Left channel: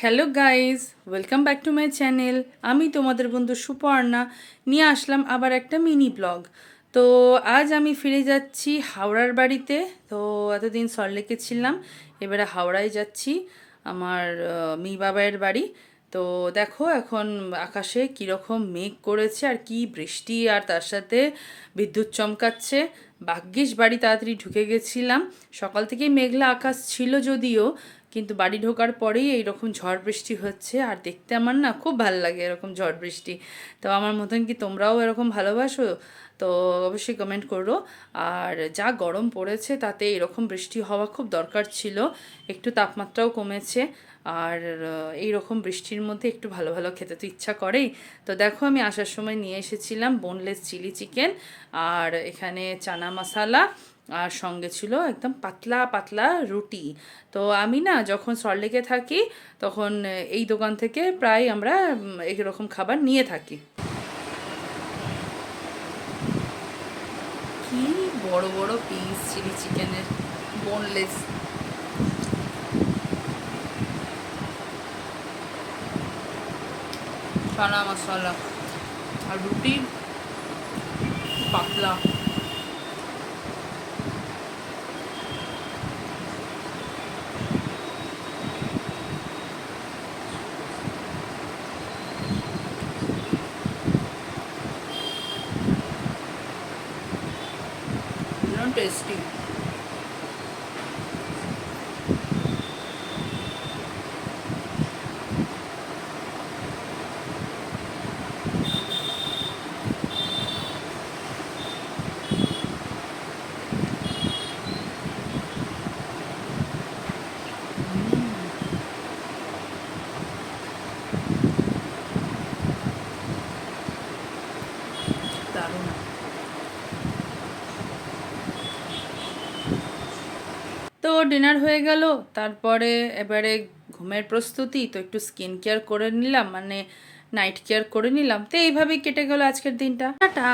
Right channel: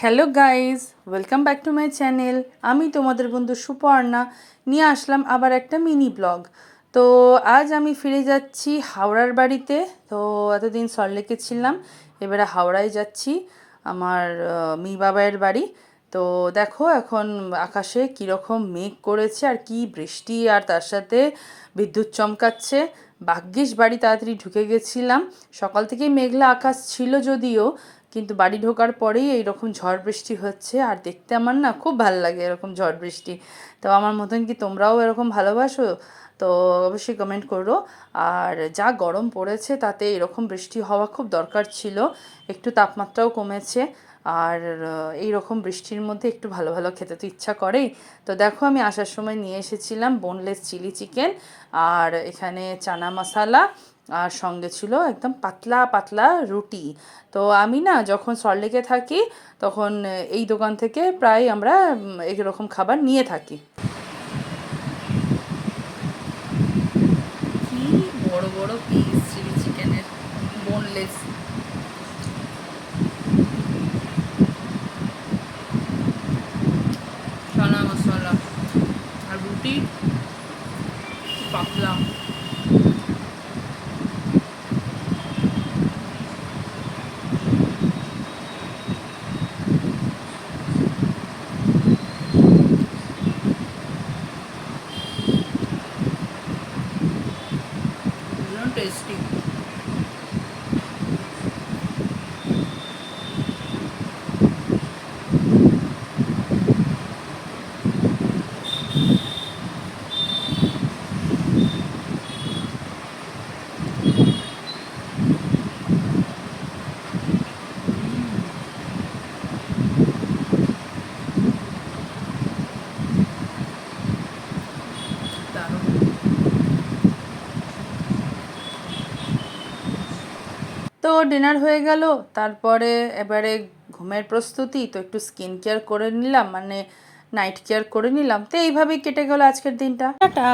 Hello guys, welcome back to my channel. আমি তোমাদের বন্ধু সুপর্ণা নিয়ে আসলাম আবার একটা মিনি ব্লগ। তো আজ আমি ফিরে যাচ্ছি হাওড়ার বাড়িতে। তো এতদিন সল্টলেকে ছিলাম, এবারে হাওড়ায় যাচ্ছি আমার মেয়ে বাবাইয়ের বাড়ি। তো দেখো এখন আকাশে কীরকম মেঘ করেছে আর কি বৃষ্টি, আর তার সাথে বিদ্যুৎ চমকাচ্ছে। ভাগ্যিস বাড়ি তাড়াতাড়ি ঢুকে গেছিলাম। সকাল থেকেই মেঘলা আকাশ ছিল যদিও, কিন্তু বাড়ি ঢোকার পরেই এইরকম ঝড় বৃষ্টি হচ্ছে, আর দেখতে আমার না খুব ভালো লাগে এরকম ঝড় বৃষ্টি। তো আমার মতন কি তোমরাও এরকম ভালোবাসো? তো অবশ্যই কমেন্ট করো। আর যা গরম পড়েছে তাতে এরকম বৃষ্টি হওয়া খুব দরকার ছিল। একটু তাপমাত্রাও কমেছে, আর এই রকম বৃষ্টির মধ্যে একটু ভালো ভালো খেতে তো ইচ্ছা করেই। তো দেখো আমি আসার সময় নিয়ে এসেছিলাম বোনলেস চিলি চিকেন, আর এখানে চানা মশালা, আর সঙ্গে ছিল একদম পাতলা পাতলা রুটি। তো আমি না যখন সল্টলেকে থাকি তখন এই দোকান থেকে প্রায় আমরা এইরকম খাবার নিয়ে থাকি। কি বড় বড় পিস চিলি চিকেনের, বোনলেস। চানা মশলা আর রুটি পাতলা। টেস্টি। দারুণ। তো ডিনার হয়ে গেল, তারপরে এবারে ঘুমের প্রস্তুতি। তো একটু স্কিন কেয়ার করে নিলাম, মানে নাইট কেয়ার করে নিলাম। তো এইভাবেই কেটে গেল আজকের দিনটা। টাটা।